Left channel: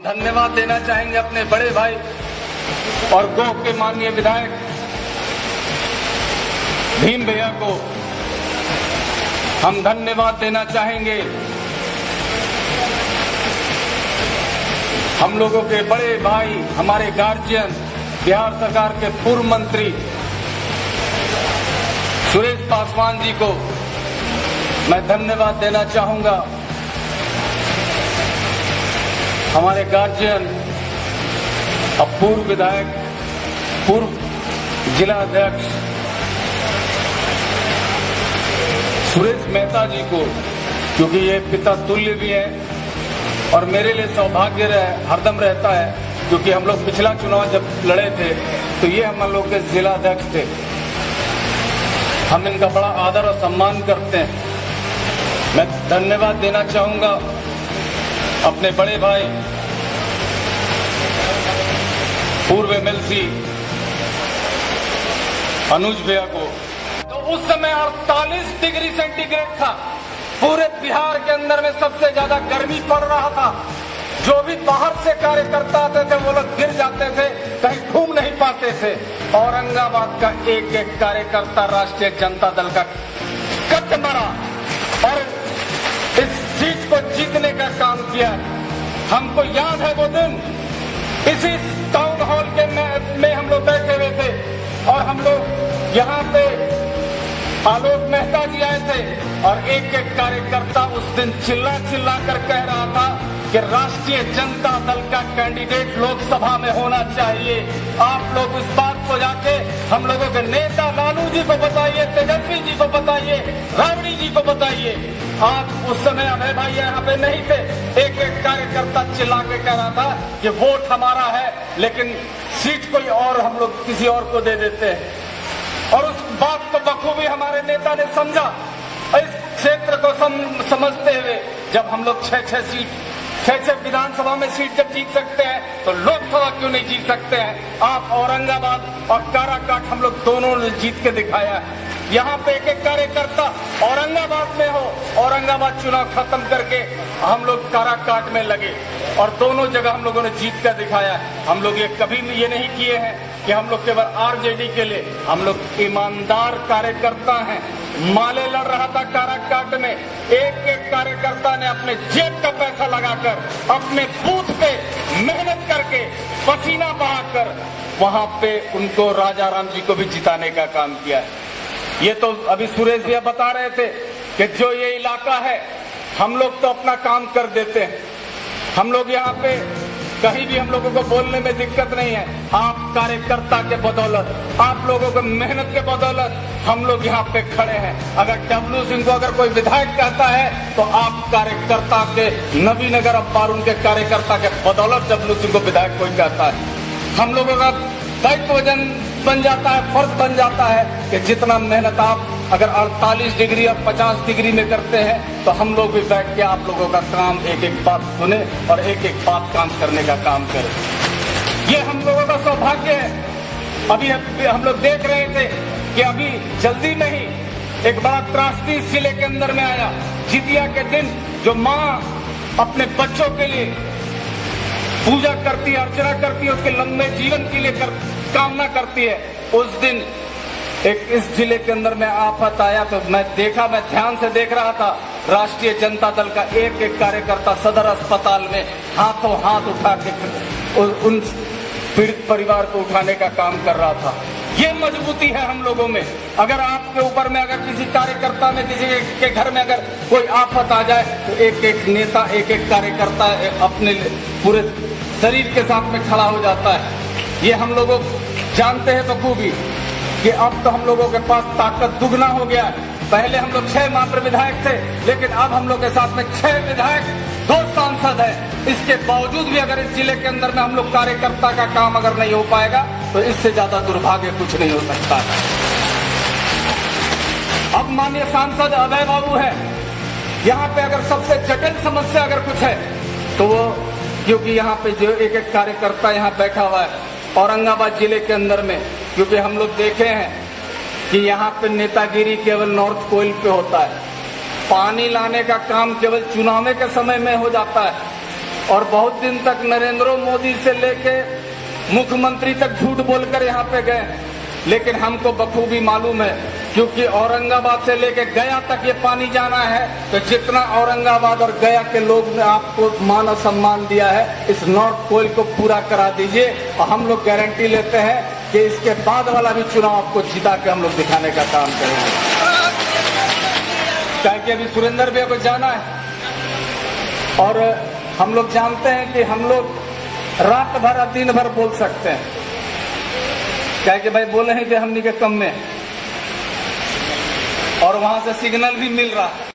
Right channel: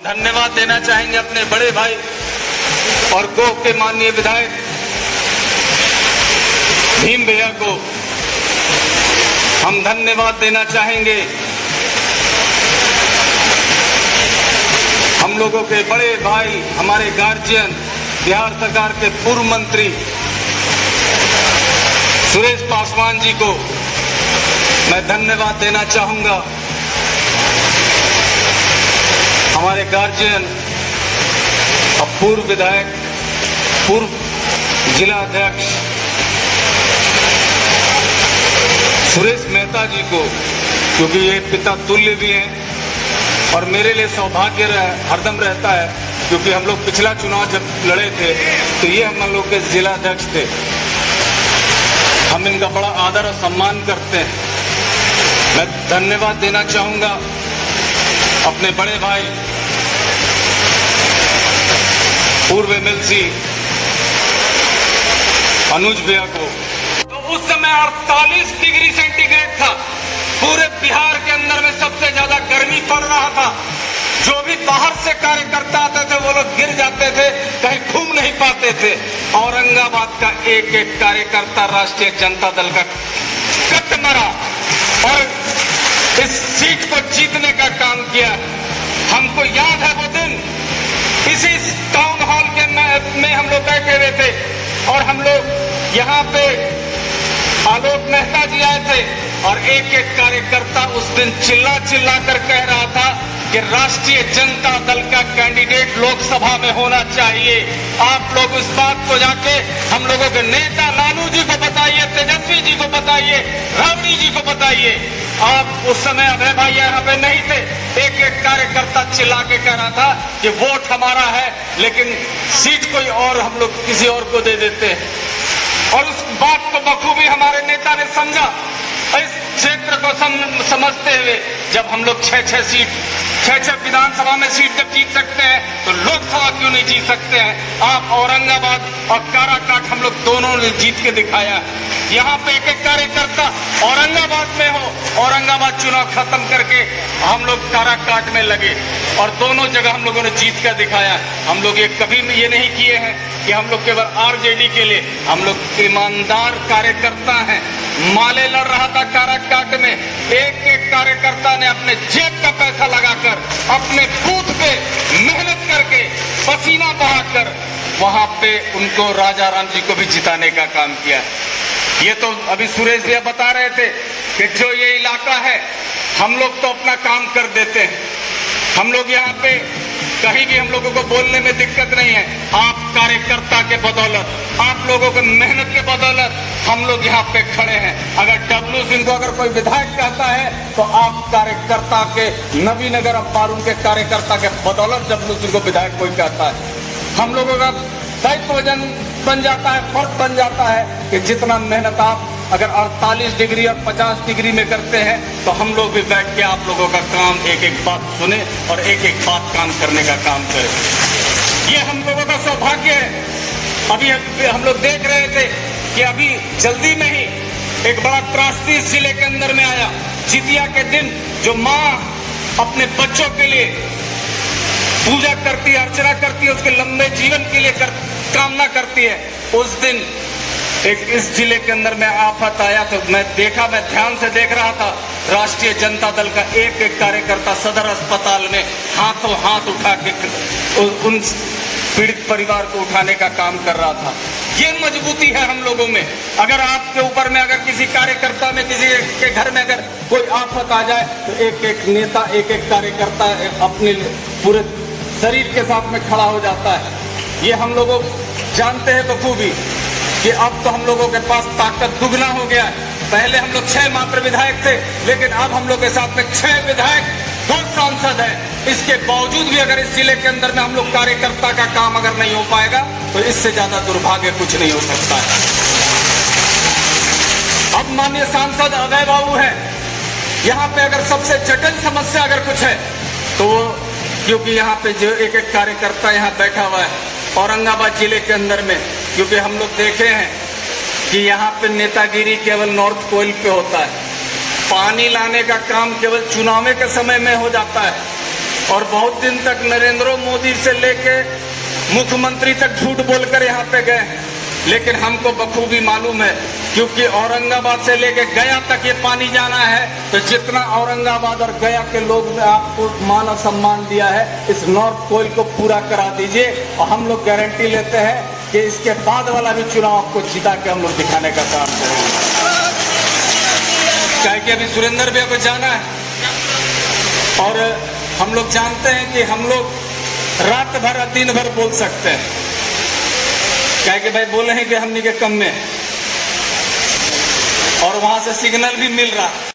धन्यवाद देना चाहेंगे अपने बड़े भाई और गोह के माननीय विधायक भीम भैया को हम धन्यवाद देना चाहेंगे। हम लोगों के बड़े भाई, हमारे गार्जियन, बिहार सरकार के पूर्व मंत्री सुरेश पासवान जी को मैं धन्यवाद देना चाहूंगा। हमारे गार्जियन और पूर्व विधायक, पूर्व जिला अध्यक्ष सुरेश मेहता जी को, क्योंकि ये पिता तुल्य भी हैं और मेरे लिए सौभाग्य हरदम रहता है, क्योंकि हम लोग पिछला चुनाव जब लड़े थे तो ये हम लोग के जिला अध्यक्ष थे। हम इनका बड़ा आदर और सम्मान करते हैं। मैं धन्यवाद देना चाहूंगा अपने बड़े भाई पूर्व एमएलसी अनुज भैया को। तो उस समय 48 डिग्री सेंटीग्रेड था, पूरे बिहार के अंदर में सबसे ज्यादा गर्मी पड़ रहा था। जो भी बाहर से कार्यकर्ता आते थे वो लोग गिर जाते थे, कहीं घूम नहीं पाते थे। औरंगाबाद का एक एक कार्यकर्ता राष्ट्रीय जनता दल का कट मरा और इस सीट को जीतने का काम किया। हमको याद है वो दिन, इसी टाउन हॉल के में हम लोग बैठे हुए थे और हम लोग यहाँ पे आलोक मेहता जी आए थे और एक एक कार्यकर्ता उस दिन चिल्ला चिल्ला कर कह रहा था कि राष्ट्रीय जनता दल का कैंडिडेट लोकसभा में होना चाहिए। आप लोग उस बात को जाके हम लोगों के नेता लालू जी को बताइए, तेजस्वी जी को बताइए, रावड़ी जी को बताइए। आप उस समय अभय भाई यहाँ पे नहीं थे। एक एक कार्यकर्ता चिल्ला के कह रहा था कि वोट हमारा है लेकिन सीट कोई और, हम लोग किसी और को दे देते हैं। और उस बात को बखूबी हमारे नेता ने समझा। इस क्षेत्र को समझते हुए जब हम लोग 6-6 सीट, 6-6 विधानसभा में सीट जब जीत सकते हैं तो लोकसभा क्यों नहीं जीत सकते हैं। आप औरंगाबाद और काराकाट हम लोग दोनों ने जीत के दिखाया। यहाँ पे एक एक कार्यकर्ता औरंगाबाद में हो, औरंगाबाद चुनाव खत्म करके हम लोग काराकाट में लगे और दोनों जगह हम लोगों ने जीत कर दिखाया। हम लोग ये कभी ये नहीं किए हैं कि हम लोग केवल आरजेडी के लिए, हम लोग ईमानदार कार्यकर्ता हैं। माले लड़ रहा था काराकाट में, एक एक कार्यकर्ता ने अपने जेब का पैसा लगाकर, अपने बूथ पे मेहनत करके, पसीना बहाकर वहां पे उनको राजा राम जी को भी जिताने का काम किया। ये तो अभी सुरेश भैया बता रहे थे कि जो ये इलाका है हम लोग तो अपना काम कर देते हैं। हम लोग यहाँ पे कहीं भी हम लोगों को बोलने में दिक्कत नहीं है। आप कार्यकर्ता के बदौलत, आप लोगों को मेहनत के बदौलत हम लोग यहाँ पे खड़े हैं। अगर डब्लू सिंह को अगर कोई विधायक कहता है तो आप कार्यकर्ता के, नवीनगर अब बारून के कार्यकर्ता के बदौलत डब्लू सिंह को विधायक कोई कहता है। हम लोगों का दायित्व बन जाता है, फर्ज बन जाता है कि जितना मेहनत आप अगर 48 डिग्री और 50 डिग्री में करते हैं तो हम लोग भी बैठ के आप लोगों का काम एक एक बात सुने और एक एक बात काम करने का काम करें। ये हम लोगों का सौभाग्य है। अभी हम लोग देख रहे थे कि अभी जल्दी में ही एक बड़ा त्रासदी इस जिले के अंदर में आया। जितिया के दिन जो माँ अपने बच्चों के लिए पूजा करती है, अर्चना करती है, उसके लंबे जीवन के लिए कामना करती है, उस दिन एक इस जिले के अंदर में आफत आया तो मैं ध्यान से देख रहा था। राष्ट्रीय जनता दल का एक एक कार्यकर्ता सदर अस्पताल में हाथों हाथ उठा के उन पीड़ित परिवार को उठाने का काम कर रहा था। ये मजबूती है हम लोगों में। अगर आपके ऊपर में, अगर किसी कार्यकर्ता में, किसी के घर में अगर कोई आफत आ जाए तो एक एक नेता, एक एक कार्यकर्ता अपने पूरे शरीर के साथ में खड़ा हो जाता है। ये हम लोग जानते हैं बखूबी कि अब तो हम लोगों के पास ताकत दुगना हो गया है। पहले हम लोग 6 मात्र विधायक थे, लेकिन अब हम लोग के साथ में 6 विधायक, 2 सांसद हैं। इसके बावजूद भी अगर इस जिले के अंदर में हम लोग कार्यकर्ता का काम अगर नहीं हो पाएगा तो इससे ज्यादा दुर्भाग्य कुछ नहीं हो सकता है। अब माननीय सांसद अभय बाबू है, यहाँ पे अगर सबसे जटिल समस्या अगर कुछ है तो वो, क्योंकि यहाँ पे जो एक एक कार्यकर्ता यहाँ बैठा हुआ है औरंगाबाद जिले के अंदर में, क्योंकि हम लोग देखे हैं कि यहाँ पे नेतागिरी केवल नॉर्थ कोयल पे होता है। पानी लाने का काम केवल चुनाव के समय में हो जाता है और बहुत दिन तक नरेंद्र मोदी से लेके मुख्यमंत्री तक झूठ बोलकर यहाँ पे गए, लेकिन हमको बखूबी मालूम है, क्योंकि औरंगाबाद से लेके गया तक ये पानी जाना है, तो जितना औरंगाबाद और गया के लोग ने आपको मान और सम्मान दिया है, इस नॉर्थ कोयल को पूरा करा दीजिए। और हम लोग गारंटी लेते हैं कि इसके बाद वाला भी चुनाव आपको जिता के हम लोग दिखाने का काम करेंगे। क्या कि अभी सुरेंद्र भैया को जाना है, और हम लोग जानते हैं कि हम लोग रात भर और दिन भर बोल सकते हैं, क्या कि भाई बोले हैं कि हमनी के कम में, और वहां से सिग्नल भी मिल रहा है।